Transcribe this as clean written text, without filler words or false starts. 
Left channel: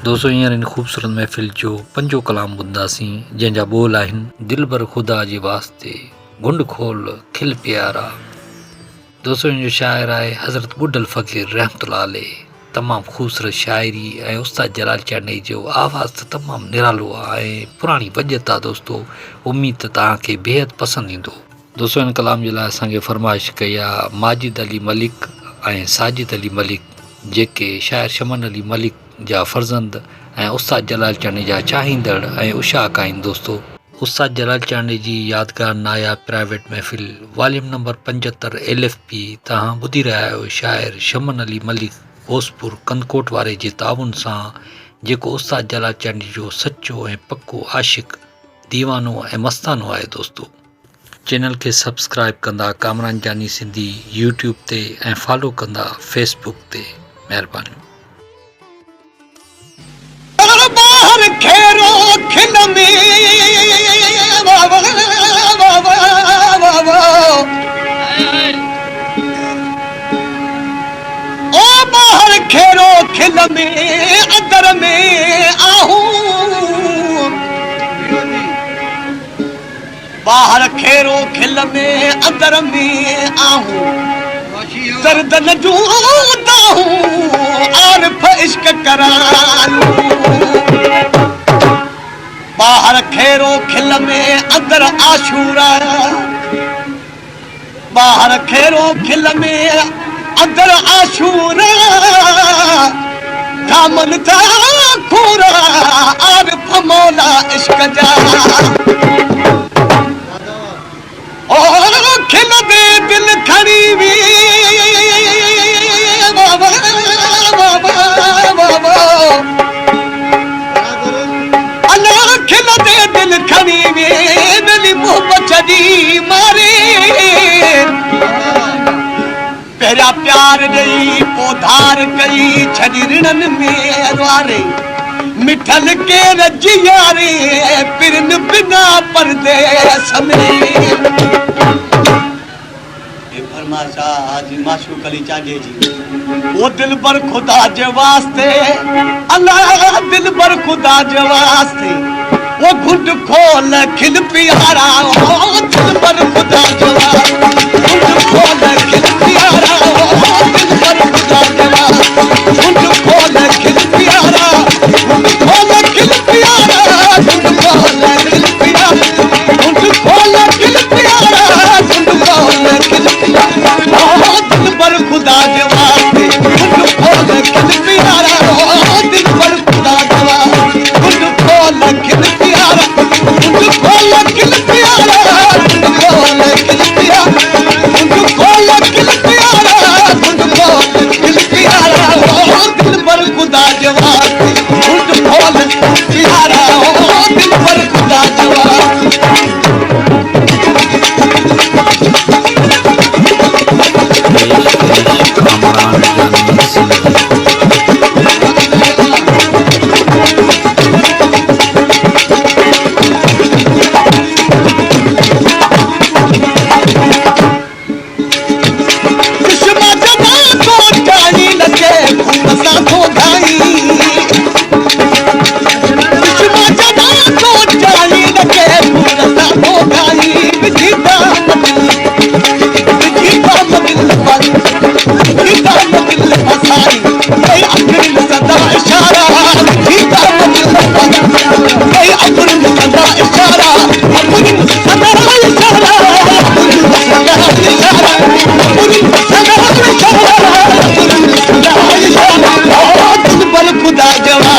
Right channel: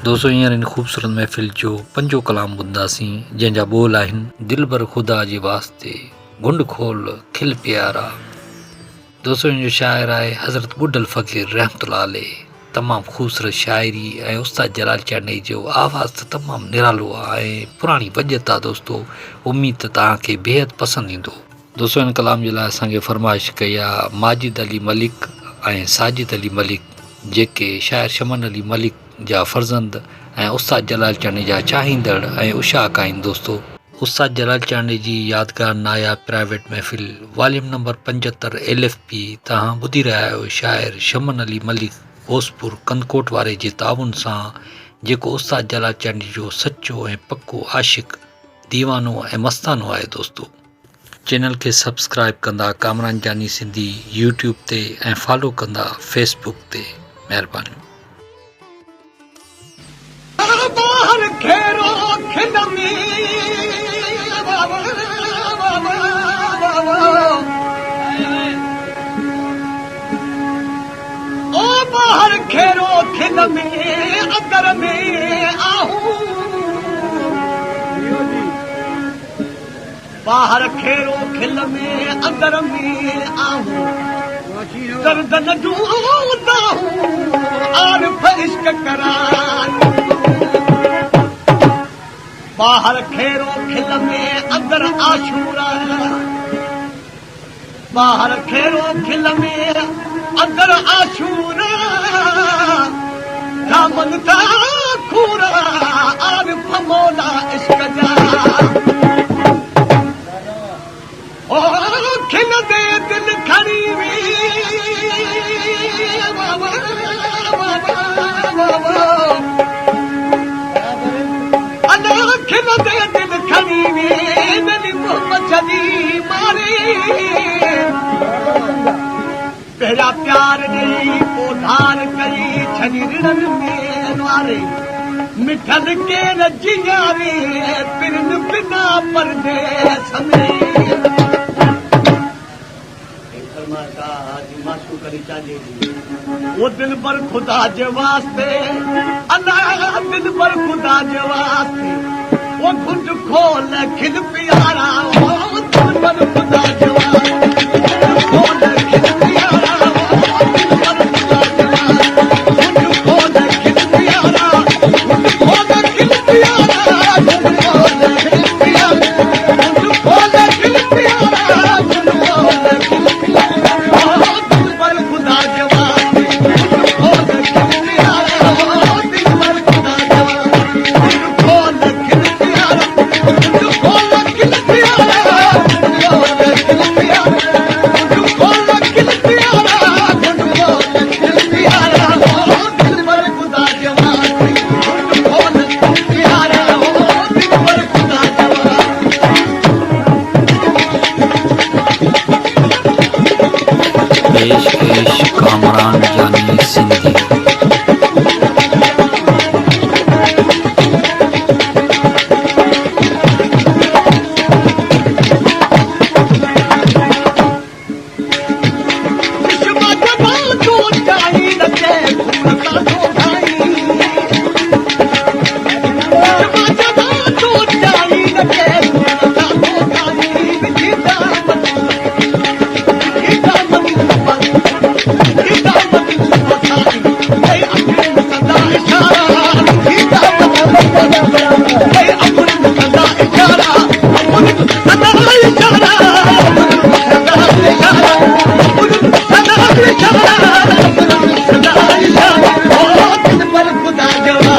दोस्तों हींअर इन ख़ूबसूरत महफ़िल जो पंजो कलाम ॿुधंदासीं जंहिंजा ॿोल आहिनि दिल भर ख़ुदा जे वास्ते गुंड खोल खिल प्यारा। दोस्तों इन जो शाइर आहे हज़रत बुड्ढल फ़क़ीर रहमतुल्लाह अलैह। तमामु ख़ूबसूरत शाइरी ऐं उस्ताद जलाल चांडई जो आवाज़ त तमामु निरालो आहे ऐं पुराणी वजत आहे। दोस्तों उमेद त तव्हांखे बेहद पसंदि ईंदो। दोस्तों इन कलाम जे लाइ असांखे फरमाइश कई आहे माजिद अली मलिक ऐं साजिद अली मलिक, जेके शाइर शमन अली मलिक जा फर्ज़ंद ऐं उस्ताद जलाल चांडई जा चाहींदड़ ऐं उशाक आहिनि। दोस्तों उस्ताद जलाल चांडई जी यादगार नायाब प्राइवेट महफ़िल वॉल्यूम नंबर 75 LFP तव्हां ॿुधी रहिया आहियो शाइर शमन अली मलिक भोजपुर कंदकोट वारे जे ताउन सां, जेको उस्ताद जलाल चांडई जो सचो ऐं पको आशिक़ दीवानो ऐं मस्तानो आहे। दोस्तों चैनल खे सब्सक्राइब कंदा कामरान जानी सिंधी यूट्यूब ते ऐं फॉलो कंदा फेसबुक ते। महिरबानी। बाहर खेरो खिल में ओ बाहर खेरो खिल में अंदर में आहूं, बाहर खेरो खिल में अंदर में आहूं, दर्द न जूदा हूँ आरिफ इश्क करालूं। बाहर खेरो खिल में अंदर आशूरा, बाहर खेरो खिल में अंदर आशूरा, दामन था खूरा आरिफ मौला इश्क जा। और खिल दे दिल खड़ी वी बाबा बाबा बाबा अल्लाह खिल दे दिल खड़ी वी नली मोहब्बत छड़ी मारे। पहला प्यार दई पोधार कई छड़ी रिणन में वारे, मिठल के रजियारे पिरन बिना पर्दे समे। आज माशूक अली चांडे जी वो दिल भर खुदा जे वास्ते, अल्लाह दिल भर खुदा जे वास्ते वो घुट खोल खिल प्यारा, ओ दिल भर खुदा जे वास्ते घुट खोल खिल प्यारा, ओ दिल भर खुदा जे वास्ते घुट खोल खिल प्यारा, घुट खोल खिल प्यारा, घुट खोल खिल प्यारा, घुट खोल खिल प्यारा, घुट खोल खिल प्यारा, दिल पर खुदा के वास्ते घुट खोल खिल प्यारा, दिल पर खुदा के वास्ते घुट खोल खिल प्यारा, घुट खोल खिल प्यारा, घुट खोल खिल प्यारा, घुट खोल खिल प्यारा, घुट खोल खिल प्यारा, दिल पर खुदा के वास्ते घुट खोल प्यारा, दिल पर खुदा के वास्ते। पेश कामरान जानी सिंधी। खुदा जवा